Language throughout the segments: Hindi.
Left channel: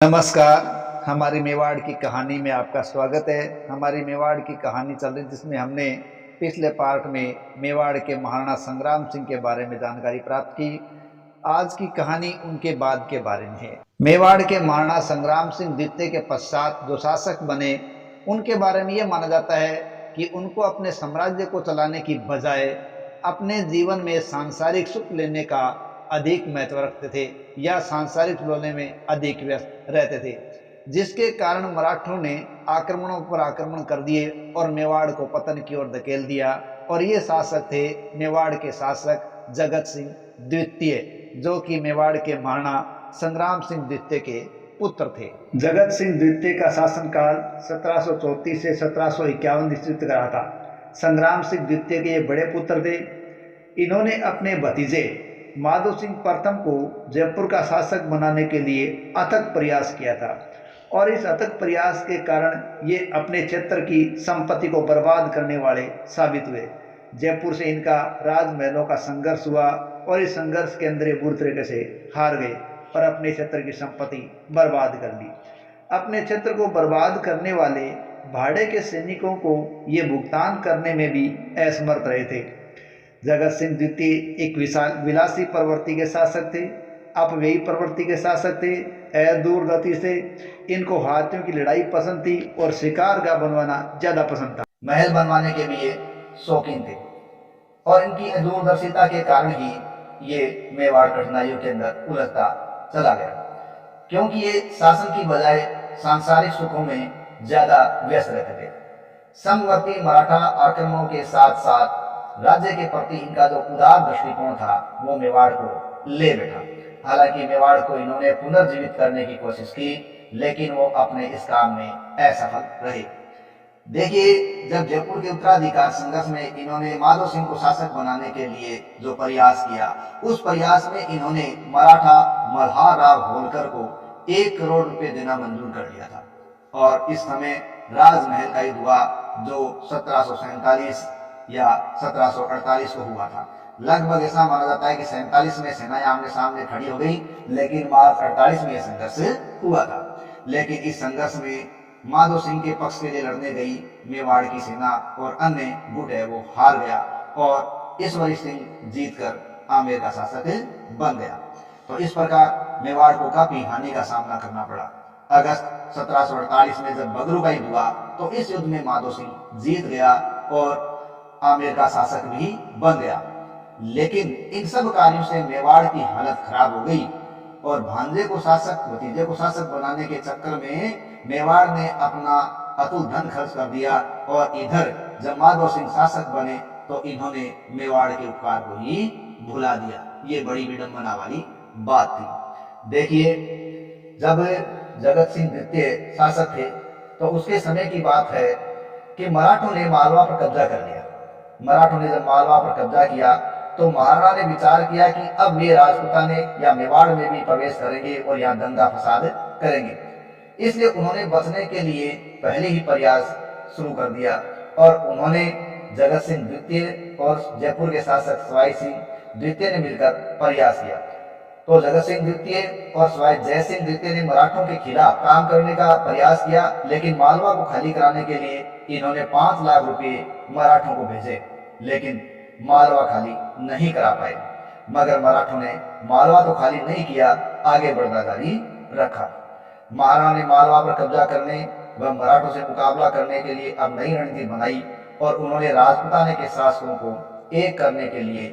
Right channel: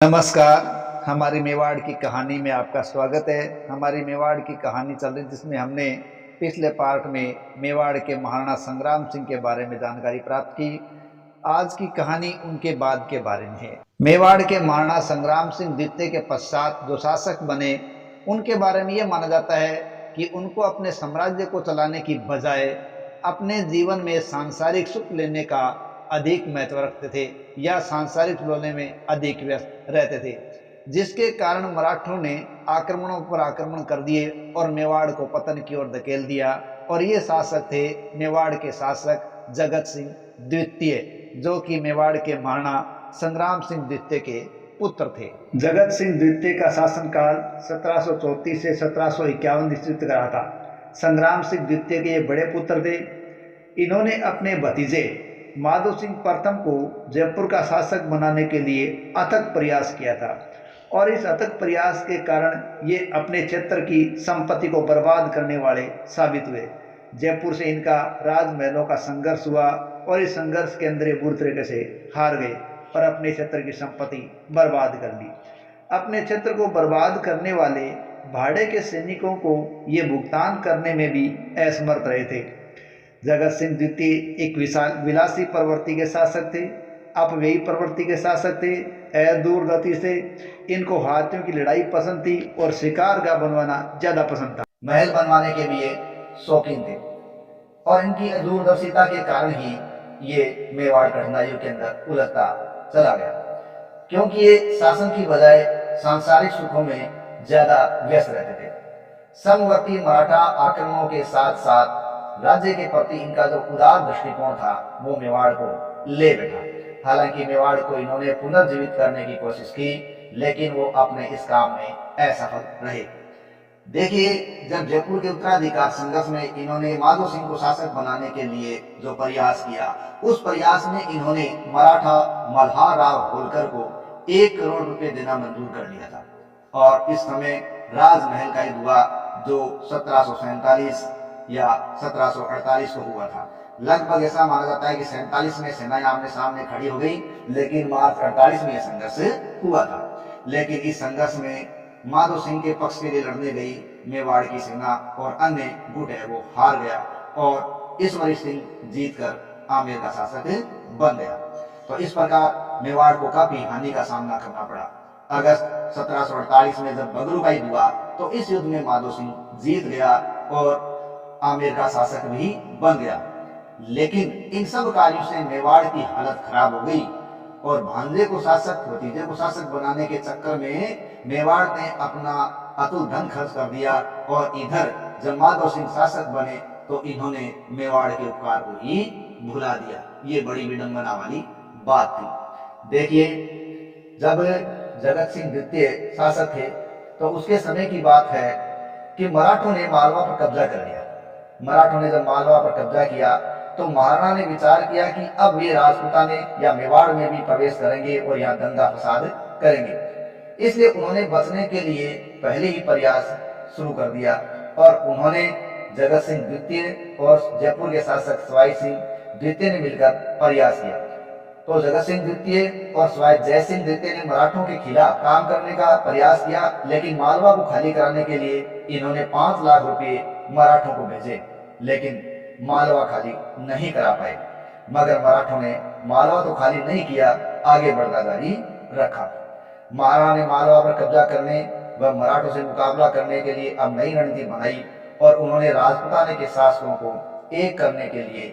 नमस्कार। हमारी मेवाड़ की कहानी में आपका स्वागत है। हमारी मेवाड़ की कहानी चल रही जिसमें हमने पिछले पार्ट में मेवाड़ के महाराणा संग्राम सिंह के बारे में जानकारी प्राप्त की। आज की कहानी उनके बाद के बारे में है। मेवाड़ के महाराणा संग्राम सिंह द्वितीय के पश्चात जो शासक बने उनके बारे में यह माना जाता है कि उनको अपने साम्राज्य को चलाने की बजाय अपने जीवन में सांसारिक सुख लेने का अधिक महत्व रखते थे या सांसारिक लेने में अधिक व्यस्त रहते थे, जिसके कारण मराठों ने आक्रमणों पर आक्रमण कर दिए और मेवाड़ को पतन की ओर धकेल दिया। और ये शासक थे मेवाड़ के शासक जगत सिंह द्वितीय, जो कि मेवाड़ के महाराणा संग्राम सिंह द्वितीय के पुत्र थे। जगत सिंह द्वितीय का शासनकाल 1734 से 1751 ईस्वी तक रहा था। संग्राम सिंह द्वितीय के ये बड़े पुत्र थे। इन्होंने अपने भतीजे माधो सिंह प्रथम को जयपुर का शासक बनाने के लिए अथक प्रयास किया था और इस अथक प्रयास के कारण ये अपने क्षेत्र की संपत्ति को बर्बाद करने वाले साबित हुए। जयपुर से इनका राजमहलों का संघर्ष हुआ और इस संघर्ष के अंदर ये बुरी तरीके से हार गए और अपने क्षेत्र की संपत्ति बर्बाद कर ली। अपने क्षेत्र को बर्बाद करने वाले भाड़े के सैनिकों को ये भुगतान करने में भी असमर्थ रहे थे। जगत सिंह द्वितीय एक विशाल विलासी प्रवृत्ति के शासक थे, अपव्ययी प्रवृत्ति के शासक थे। दूरगति से इनको हाथियों की लड़ाई पसंद थी और शिकार का बनवाना ज्यादा पसंद था। महल बनवाने के लिए शौकीन थे और इनकी दूरदर्शिता के कारण ही ये मेवाड़ कठिनाइयों के अंदर उलझता चला गया, क्योंकि ये शासन की बजाय सांसारिक सुखों में ज्यादा व्यस्त रहते थे। समवर्ती मराठा आक्रमणों के साथ साथ राज्य के प्रति इनका जो उदार दृष्टिकोण था वो मेवाड़ को ले बैठा। हालांकि मेवाड़ को इन्होंने पुनर्जीवित करने की कोशिश की, लेकिन वो अपने इस काम में असफल रहे। देखिए, जब जयपुर के उत्तराधिकार संघर्ष में इन्होंने माधो सिंह को शासक बनाने के लिए जो प्रयास किया, उस प्रयास में इन्होंने मराठा मल्हार राव होलकर को 1 करोड़ रुपए देना मंजूर कर लिया था। और इस समय राजमहल का युद्ध हुआ जो 1747 या 1748 को हुआ था। लगभग ऐसा माना जाता है कि 47 में सेनाएं आमने सामने खड़ी हो गई, लेकिन मार्च 48 में यह संघर्ष हुआ था। लेकिन इस संघर्ष में माधो सिंह के पक्ष के लिए लड़ने गई मेवाड़ की सेना और अन्य गुट है वो हार गया और ईश्वरी सिंह जीतकर आमेर का शासक बन गया। तो इस प्रकार मेवाड़ को काफी हानि का सामना करना पड़ा। अगस्त 1748 में जब बगरू का युद्ध हुआ तो इस युद्ध में माधो सिंह जीत गया और आमेर का शासक भी बन गया। लेकिन इन सब कार्यों से मेवाड़ की हालत खराब हो गई और भांजे को शासक, भतीजे को शासक बनाने के चक्कर में मेवाड़ ने अपना अतुल धन खर्च कर दिया और इधर जब माधो सिंह शासक बने तो इन्होंने मेवाड़ के उपकार को ही भुला दिया। ये बड़ी विडंबना वाली बात थी। देखिए, जब जगत सिंह द्वितीय शासक थे तो उसके समय की बात है कि मराठों ने मालवा पर कब्जा कर लिया। मराठों ने जब मालवा पर कब्जा किया तो महाराणा ने विचार किया कि अब ये राजपूताने या मेवाड़ में भी प्रवेश करेंगे और यहाँ दंगा फसाद करेंगे। इसलिए उन्होंने बचने के लिए पहले ही प्रयास शुरू कर दिया और उन्होंने जगत सिंह द्वितीय और जयपुर के शासक सवाई सिंह द्वितीय ने मिलकर प्रयास किया। तो जगत सिंह द्वितीय और सवाई जय सिंह द्वितीय ने मराठों के खिलाफ काम करने का प्रयास किया, लेकिन मालवा को खाली कराने के लिए इन्होंने 5 लाख रुपए मराठों को भेजे, लेकिन मालवा खाली नहीं करा पाए। मगर मराठों ने मालवा तो खाली नहीं किया, आगे बढ़ना जारी रखा। महाराणा ने मालवा पर कब्जा करने व मराठों से मुकाबला करने के लिए अब नई रणनीति बनाई और उन्होंने राजपूताने के शासकों को एक करने के लिए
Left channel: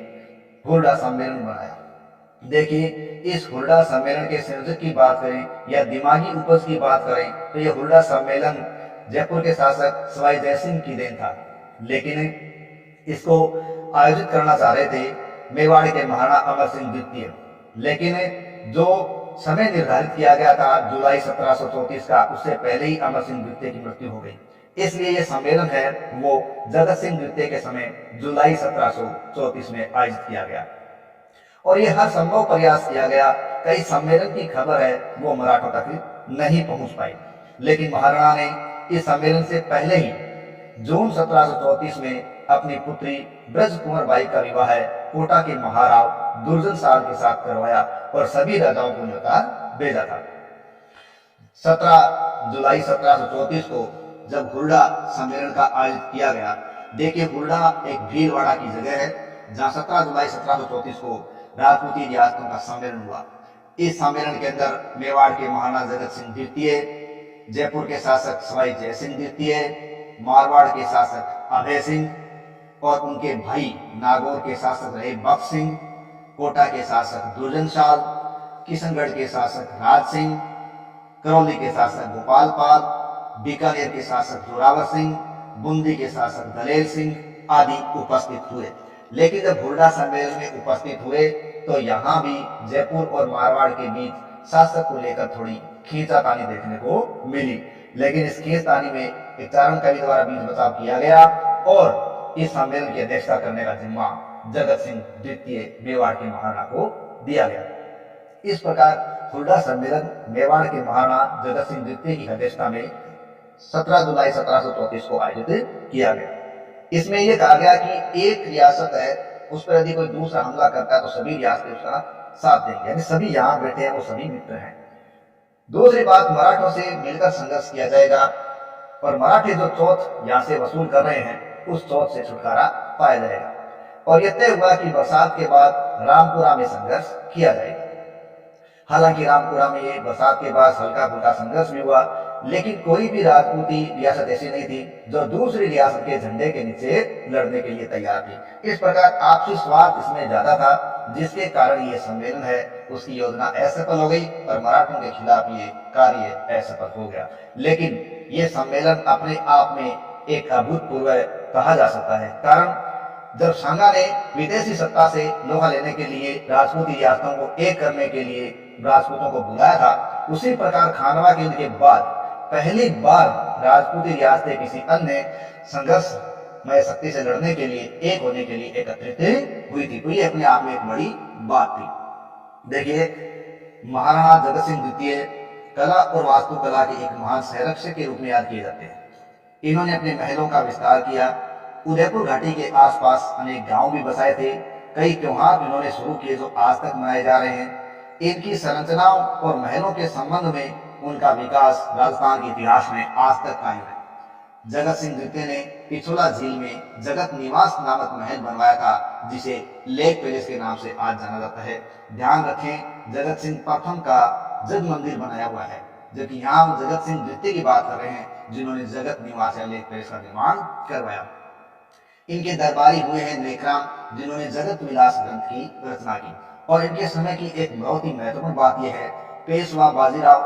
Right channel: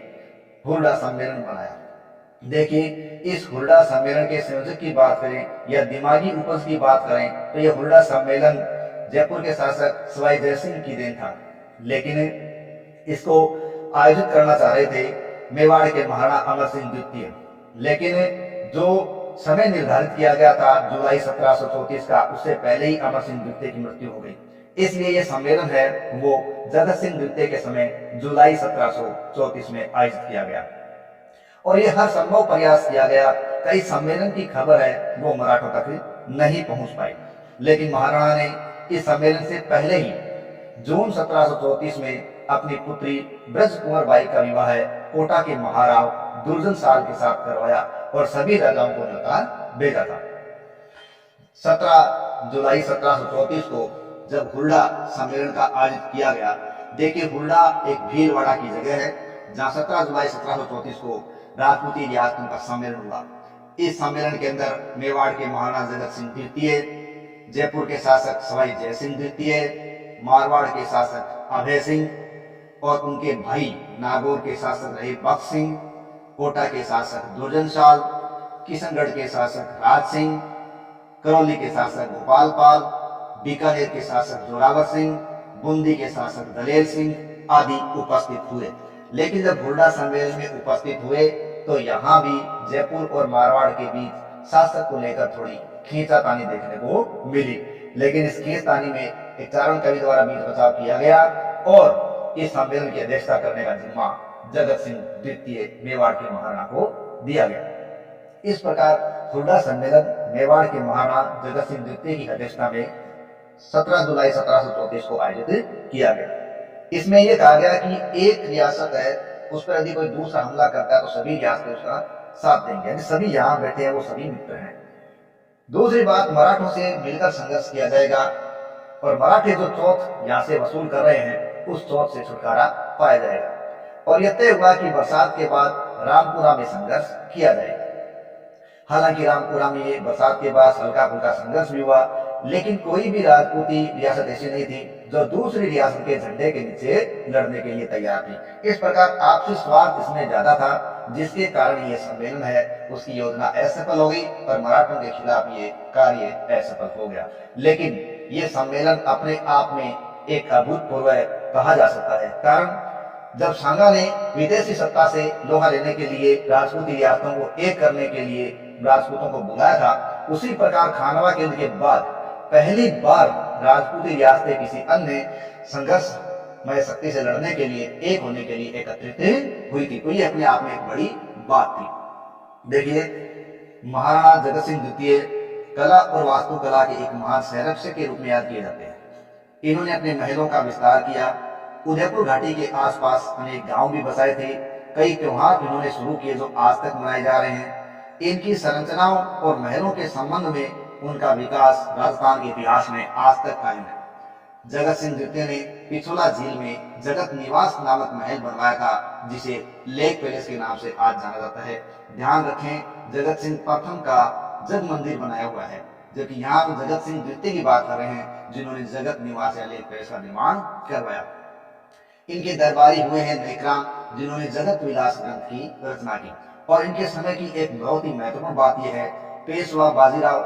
हुरडा सम्मेलन बनाया। देखिए, इस हुरडा सम्मेलन के संयोजक की बात करें या दिमागी उपज की बात करें तो यह हुरडा सम्मेलन जयपुर के शासक सवाई जय सिंह की देन था, लेकिन इसको आयोजित करना चाह रहे थे मेवाड़ के महाराणा अमर सिंह द्वितीय। लेकिन जो समय निर्धारित किया गया था जुलाई 1734 का, उससे पहले ही अमर सिंह द्वितीय की मृत्यु हो गई। इसलिए यह सम्मेलन है वो जगत सिंह द्वितीय के समय जुलाई 1734 में आयोजित किया गया और यह हर संभव प्रयास किया गया। कई सम्मेलन की खबर है वो मराठों तक नहीं पहुंच पाई, लेकिन महाराणा ने इस सम्मेलन से पहले ही जून 1734 में अपनी पुत्री ब्रज कुंवर बाई का विवाह कोटा के महाराव दुर्जन साल के साथ करवाया और सभी राजाओं को न्योता भेजा था। 17 जुलाई 1734 को जब हुरडा सम्मेलन का आयोजित किया गया। देखिए, हुरडा एक भीलवाड़ा की जगह है जहां 17 जुलाई 1734 को राजपूती रियासतों का सम्मेलन हुआ। इस सम्मेलन के अंदर मेवाड़ के महाराणा जगत सिंह द्वितीय, जयपुर के शासक सवाई जय सिंह द्वितीय, मारवाड़ के शासक अभय सिंह और उनके भाई नागौर के शासक रहे बख्श सिंह, कोटा के शासक दुर्जन शाल, किशनगढ़ के शासक राज सिंह, करौली के शासक गोपाल पाल, बीकानेर के शासक जोरावर सिंह, बूंदी के शासक दलेर सिंह आदि उपस्थित हुए। लेकिन जब हुरडा सम्मेलन में उपस्थित हुए तो यहाँ भी जयपुर और मारवाड़ के बीच शासक को लेकर थोड़ी खींचातानी देखने को मिली। लेकिन इस खींचतानी में एक चारण कवि द्वारा बीच बचाव किया गया और इस सम्मेलन की अध्यक्षता करने का जिम्मा जगत सिंह द्वितीय मेवाड़ के महाराणा को दिया गया। इस प्रकार हुरडा सम्मेलन मेवाड़ के महाराणा जगत सिंह द्वितीय की अध्यक्षता में 17 जुलाई 1734 को आयोजित किया गया। इसमें यह कहा गया कि एक रियासत है, उस पर यदि कोई दूसरा हमला करता है तो सभी रियासतें उसका साथ देंगे, यानी सभी यहाँ बैठे हैं वो सभी मित्र हैं। दूसरी बात, मराठों से मिलकर संघर्ष किया जाएगा और मराठी जो चौथ यहाँ से वसूल कर रहे हैं उस चौथ से छुटकारा पाया जाएगा। और यह तय हुआ कि बरसात के बाद रामपुरा में संघर्ष किया जाएगा। हालांकि रामपुरा में बरसात के बाद हल्का फुल्का संघर्ष भी हुआ, लेकिन कोई भी राजपूती रियासत ऐसी नहीं थी जो दूसरी रियासत के झंडे के नीचे लड़ने के लिए तैयार थी। इस प्रकार आपसी स्वार्थ इसमें ज्यादा था, जिसके कारण ये सम्मेलन है उसकी योजना असफल हो गई और मराठों के खिलाफ ये कार्य असफल हो गया। लेकिन ये सम्मेलन अपने आप में एक अभूतपूर्व कहा जा सकता है, कारण जब सांगा ने विदेशी सत्ता से लोहा लेने के लिए राजपूती रियासतों को एक करने के लिए राजपूतों को बुलाया था, उसी प्रकार खानवा के युद्ध के बाद पहली बार राजपूती रियासतें किसी अन्य संघर्षमय शक्ति से लड़ने के लिए, एक होने के लिए एकत्रित हुई थी। तो ये अपने आप में एक बड़ी बात थी। देखिए, महाराणा जगत सिंह द्वितीय कला और वास्तुकला के एक महान संरक्षक के रूप में याद किए जाते हैं। इन्होंने अपने महलों का विस्तार किया, उदयपुर घाटी के आसपास अनेक गांव भी बसाए थे। कई त्योहार इन्होंने शुरू किए जो आज तक मनाए जा रहे हैं। इनकी संरचनाओं और महलों के संबंध में उनका विकास राजस्थान के इतिहास में आज तक कायम है। जगत सिंह द्वितीय ने पिछोला झील में जगत निवास नामक महल बनवाया था, जिसे लेक पैलेस के नाम से आज जाना जाता है। ध्यान रखें, जगत सिंह प्रथम का जग मंदिर बनाया हुआ है, जबकि यहाँ हम जगत सिंह द्वितीय की बात कर रहे हैं जिन्होंने जगत निवास या लेक पैलेस का निर्माण करवाया। इनके दरबारी हुए हैं नेकराम, जिन्होंने जगत विलास ग्रंथ की रचना की। और इनके समय की एक बहुत ही महत्वपूर्ण बात यह है, पेशवा बाजीराव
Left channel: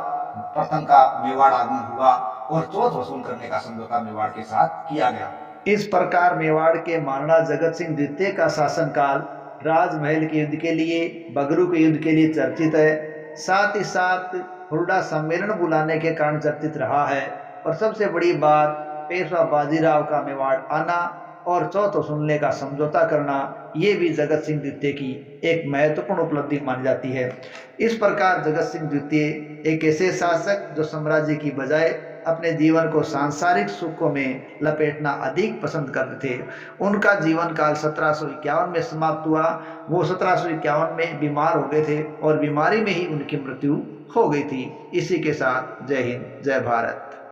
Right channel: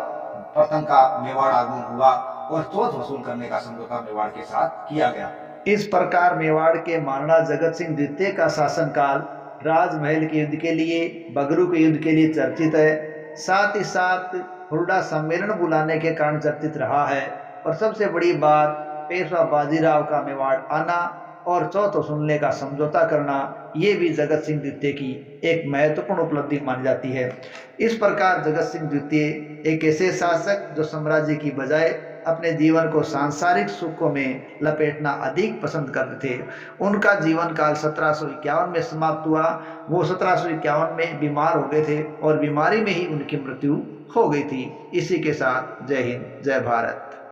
प्रथम का मेवाड़ आगमन हुआ और चौथ वसूल करने का समझौता मेवाड़ के साथ किया गया। इस प्रकार मेवाड़ के महाराणा जगत सिंह द्वितीय का शासनकाल राजमहल के युद्ध के लिए, बगरू के युद्ध के लिए चर्चित है। साथ ही साथ हुरडा सम्मेलन बुलाने के कारण चर्चित रहा है। और सबसे बड़ी बात, पेशवा बाजीराव का मेवाड़ आना और चौथ वसूलने का समझौता करना, ये भी जगत सिंह द्वितीय की एक महत्वपूर्ण उपलब्धि मानी जाती है। इस प्रकार जगत सिंह द्वितीय एक ऐसे शासक जो साम्राज्य की बजाय अपने जीवन को सांसारिक सुखों में लपेटना अधिक पसंद करते थे। उनका जीवन काल 1751 में समाप्त हुआ। वो 1751 में बीमार हो गए थे और बीमारी में ही उनकी मृत्यु हो गई थी। इसी के साथ जय हिंद, जय भारत।